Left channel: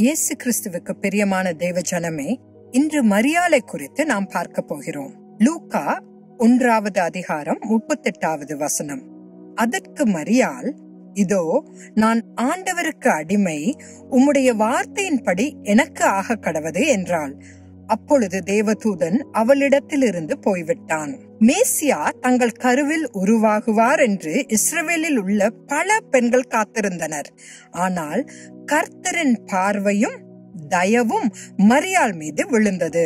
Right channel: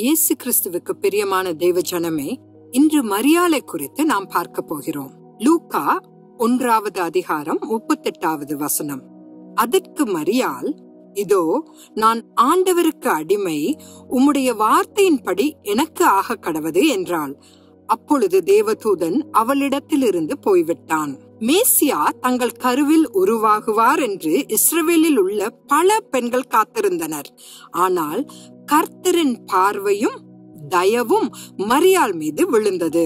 இயேசு கிறிஸ்துவுக்கு பிரியமான தேவ ஜனமே, இன்று மரியாளை குறித்து நாம் பார்க்க போகிறோம். லூக்கா 1வது அதிகாரம் 38வது வசனம். அதற்கு மரியாள், இதோ நான் ஆண்டவருக்கு அடிமை, உம்முடைய வார்த்தையின்படி எனக்கு ஆக கடவது என்றாள். அப்பொழுது தேவதூதன் அவளிடத்திலிருந்து போய்விட்டான். மேசியா தங்கள் கருவில் உருவாகுவார் என்று இஸ்ரவேலில் உள்ள பல பெண்கள் காத்திருந்தனர். ஆனால் கர்த்தரின் பார்வையும் தயவும் மரியாள் மீது விழுந்தது.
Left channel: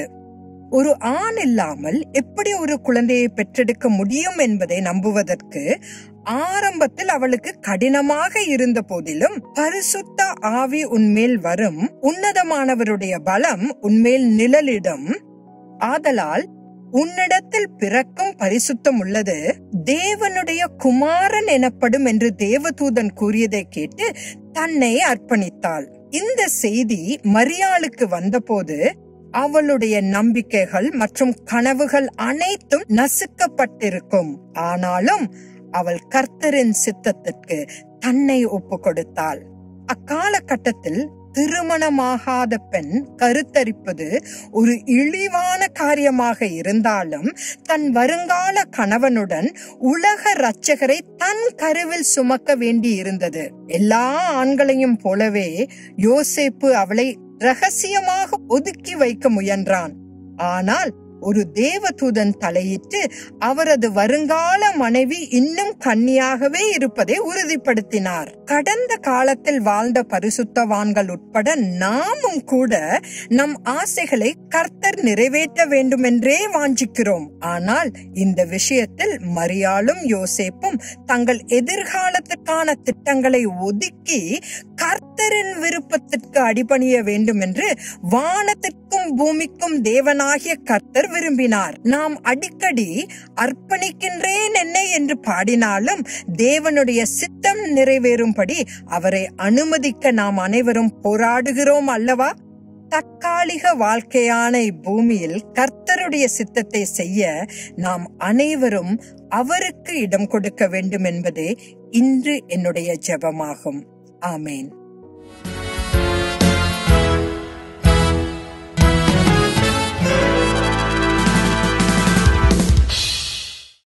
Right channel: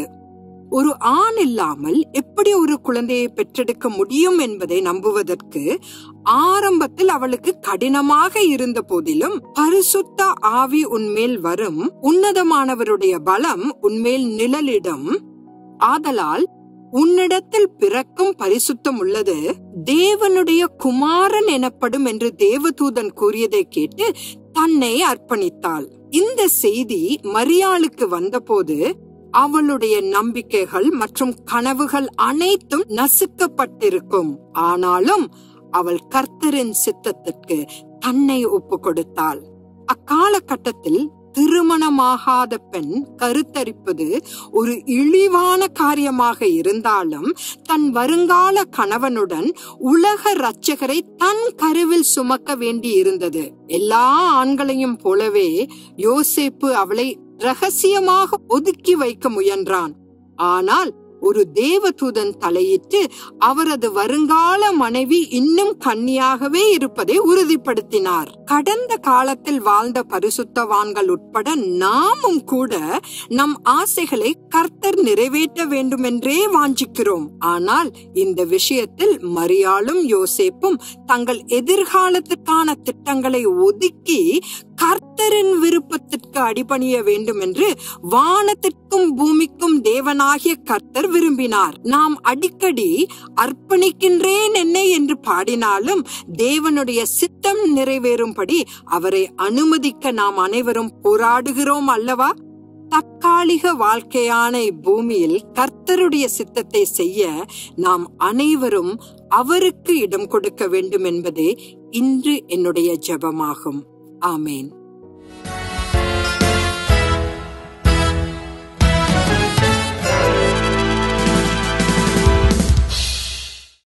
ஒரு ஆண் இல்லாமல் எப்படி ஒரு குழந்தையை பெற்றெடுக்க முடியும் என்பதை நம்புவதற்கு ஆரம்பத்தில் அவளுக்கு கடினமாக இருந்த போதிலும், பரிசுத்த ஆவி உன்மேல் வரும், உன்னதமானவருடைய பலம் உன்மேல் நிழலிடும், ஆதலால் உன்னிடத்தில் பிறக்கும் பரிசுத்தம் உள்ளது, தேவனுடைய குமாரன் எனப்படும் என்று தேவதூதன் கூறியதை கேட்டு தன்னை அர்ப்பணித்தாள். இந்த செய்தி மரியாளுக்கு வந்தபோது அவளுடைய நம்பிக்கைகள் மற்றும் கனவுகள் அனைத்தும் நசுக்கப்பட்டிருக்கும். ஆனாலும் அவள் கர்த்தரின் சித்தத்திற்கு தன்னை ஒப்பு கொடுத்தாள். அக்காலகட்டத்தில் திருமணமாகாத பெண் கருத்தரிப்பது ஒரு இழிவான காரியமாக இருந்தாலும், தன் வருங்கால கணவனுடன் உலக இரட்சகரை தன் கருவில் சுமக்க வேண்டி இருந்தது. எல்லா ஆண்களையும் போலவே யோசேப்பு அவளை ரகசியமாக ஒதுக்கி வைக்க முயன்றான். ஆனால் ஒரு தேவதூதன் தலையிட்டு அவரது வருங்கால மனைவி இன்னும் கன்னியாகவே இருப்பதை உறுதிப்படுத்தினார். கடந்த காலத்தில் வாழ்ந்த பரிசுத்தவான்கள் உட்பட நாமும் கூட நம் ஆசைகளை கர்த்தர் நிறைவேற்ற வேண்டுமென்றே வாஞ்சிக்கிறோம். ஆனால் இந்த விஷயத்தில் மரியாளும் யோசேப்பும் தங்கள் எதிர்காலத்திற்கான திட்டங்களை ஒதுக்கி கர்த்தரின் விருப்பத்திற்கு அடிபணிய வேண்டும் என்று வானத்திற்கும் பூமிக்கும் தேவனாகிய கர்த்தர் விரும்பினார். நாம் அடிக்கடி அர்ப்பணிக்கின்றேன் என்னை என்று பாடினாலும், தேவனுடைய சித்தம் நிறைவேறும்படி அவரை அனுமதிக்க நாம் அனைவரும் போராடுகிறோம் அல்லவா? தற்காலிக வாழ்க்கையான இப்பூமியில் கர்த்தருடைய சித்தத்தை செய்ய நாம் அனைவரும் அவருக்கு இடம் கொடுக்க வேண்டும் என்பதே இன்று என்னுடைய ஜெபமாகும். ஆமேன்.